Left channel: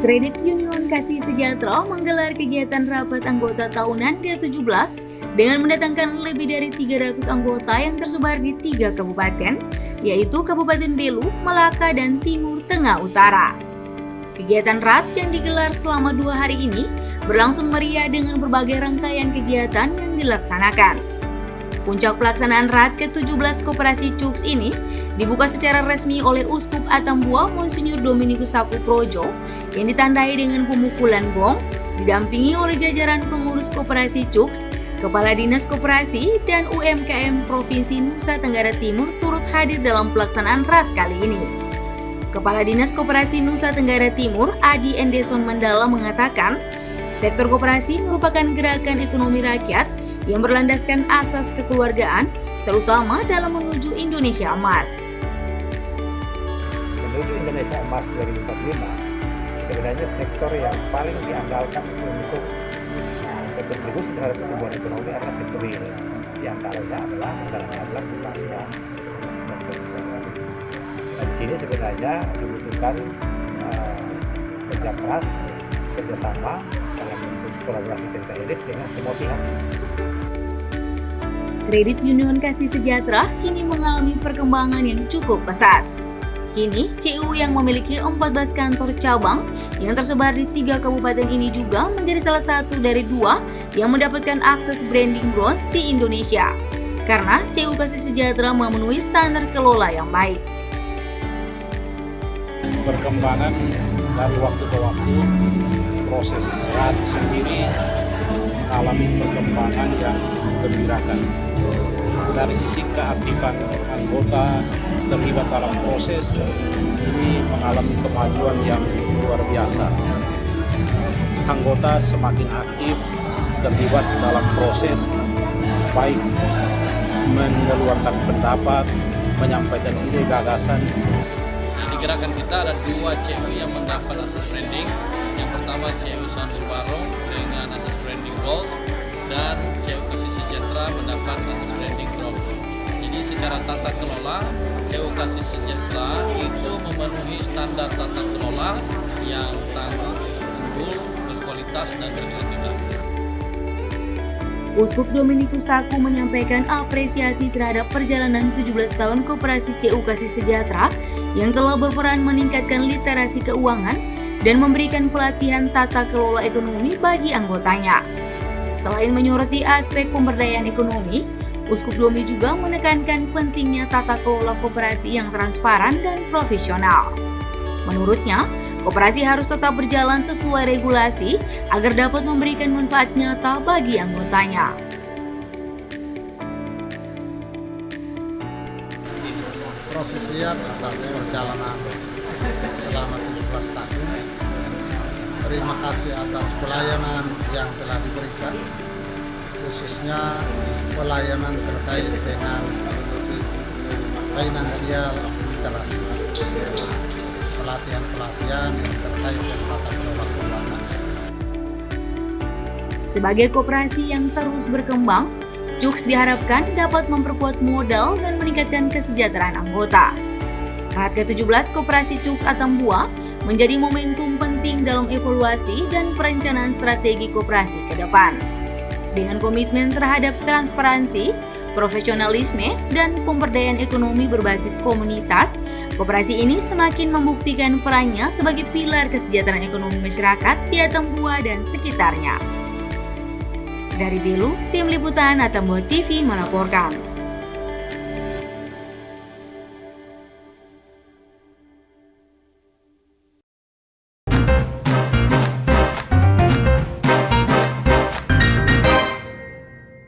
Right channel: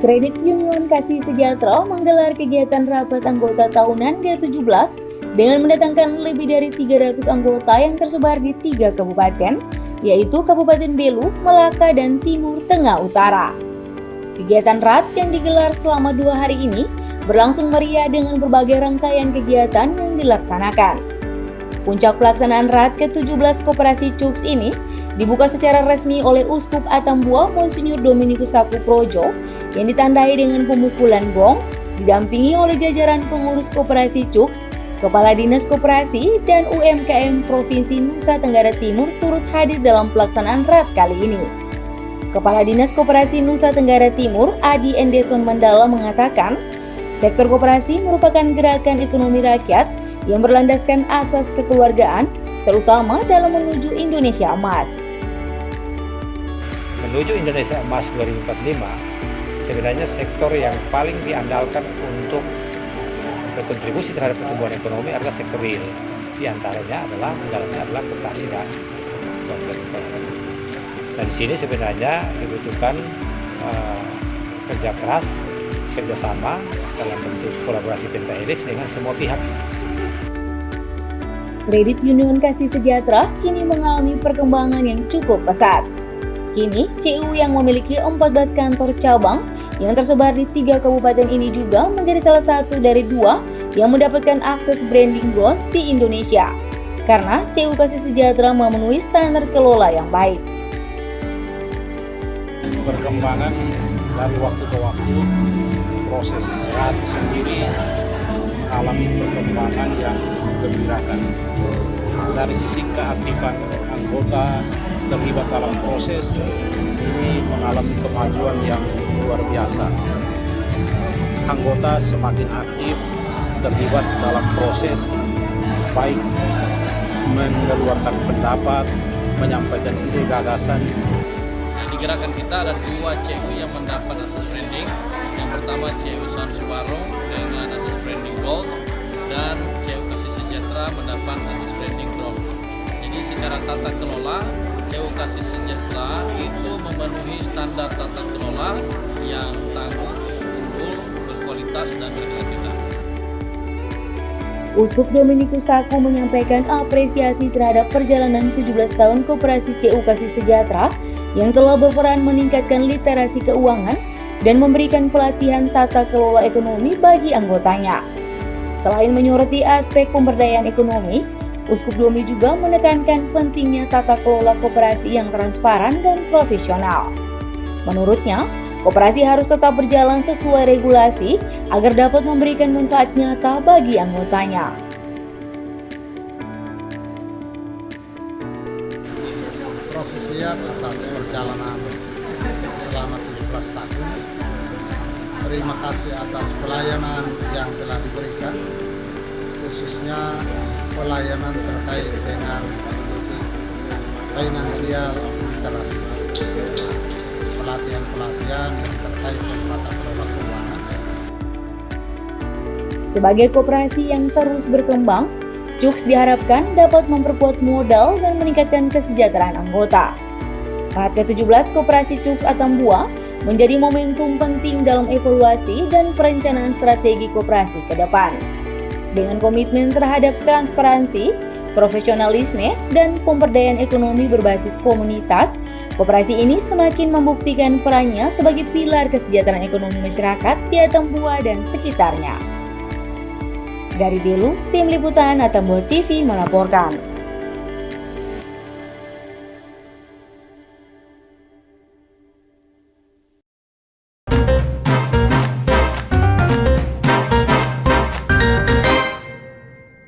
Kredit Union Kasih Sejahtera menggelar kegiatan rapat anggota tahunan ke-17 dengan mendatangkan lebih dari 300 anggota yang tersebar di 3 kabupaten, yaitu Kabupaten Belu, Melaka, dan Timur Tengah Utara. Kegiatan RAT yang digelar selama 2 hari ini berlangsung meriah dengan berbagai rangkaian kegiatan yang dilaksanakan. Puncak pelaksanaan RAT ke-17 Koperasi CUKS ini dibuka secara resmi oleh Uskup Atambua Monsinyur Dominikus Sakuprojo yang ditandai dengan pemukulan gong, didampingi oleh jajaran pengurus Koperasi CUKS, Kepala Dinas Koperasi, dan UMKM Provinsi Nusa Tenggara Timur turut hadir dalam pelaksanaan RAT kali ini. Kepala Dinas Koperasi Nusa Tenggara Timur, Adi Endeson Mandala mengatakan, sektor koperasi merupakan gerakan ekonomi rakyat yang berlandaskan asas kekeluargaan, terutama dalam menuju Indonesia Emas. Menuju Indonesia Emas 2045, sebenarnya sektor yang paling diandalkan untuk berkontribusi terhadap pertumbuhan ekonomi adalah sektor real. Di antaranya adalah koperasi. Nah, di sini sebenarnya dibutuhkan kerja keras, kerjasama dalam bentuk kolaborasi pentahelix dengan semua pihak. Kredit Union Kasih Sejahtera kini mengalami perkembangan yang cukup pesat. Kini, CU yang memiliki 14 kantor cabang yang tersebar di 3 kabupaten ini juga menjadi salah satu dari 2 yang mendapatkan akses branding bronze di Indonesia. Karena CU Kasih Sejahtera memenuhi standar kelola yang baik. Perkembangan dari waktu ke waktu, proses RAT sendiri mengalami perkembangan yang menggembirakan. Dari sisi keaktifan anggota terlibat dalam proses, ini mengalami kemajuan yang luar biasa. Anggota semakin aktif terlibat dalam proses, baik mengeluarkan pendapat, menyampaikan ide gagasan. Di gerakan kita ada 2 CU yang mendapat akses branding. Yang pertama CU Sansu Barong dengan akses branding Gold, dan CU Kasih Sejahtera mendapat akses branding Bronze. Jadi secara tata kelola, CU Kasih Sejahtera itu memenuhi standar tata kelola yang tangguh, unggul, berkualitas, dan berkelanjutan. Uskup Dominikus Saku menyampaikan apresiasi terhadap perjalanan 17 tahun Koperasi CU Kasih Sejahtera yang telah berperan meningkatkan literasi keuangan dan memberikan pelatihan tata kelola ekonomi bagi anggotanya. Selain menyoroti aspek pemberdayaan ekonomi, Uskup Domi juga menekankan pentingnya tata kelola koperasi yang transparan dan profesional. Menurutnya, koperasi harus tetap berjalan sesuai regulasi agar dapat memberikan manfaat nyata bagi anggotanya. Profesiat atas perjalanan selama 17 tahun. Terima kasih atas pelayanan yang telah diberikan, khususnya pelayanan terkait dengan finansial literasi, pelatihan-pelatihan yang terkait dengan tata kelola keuangan. Sebagai koperasi yang terus berkembang, CUKS diharapkan dapat memperkuat modal dan meningkatkan kesejahteraan anggota. RAT ke-17 Koperasi CUKS Atambua menjadi momentum penting dalam evaluasi dan perencanaan strategi koperasi ke depan. Dengan komitmen terhadap transparansi, profesionalisme, dan pemberdayaan ekonomi berbasis komunitas, koperasi ini semakin membuktikan perannya sebagai pilar kesejahteraan ekonomi masyarakat di Atambua dan sekitarnya. Dari Belu, Tim Liputan Atambua TV melaporkan.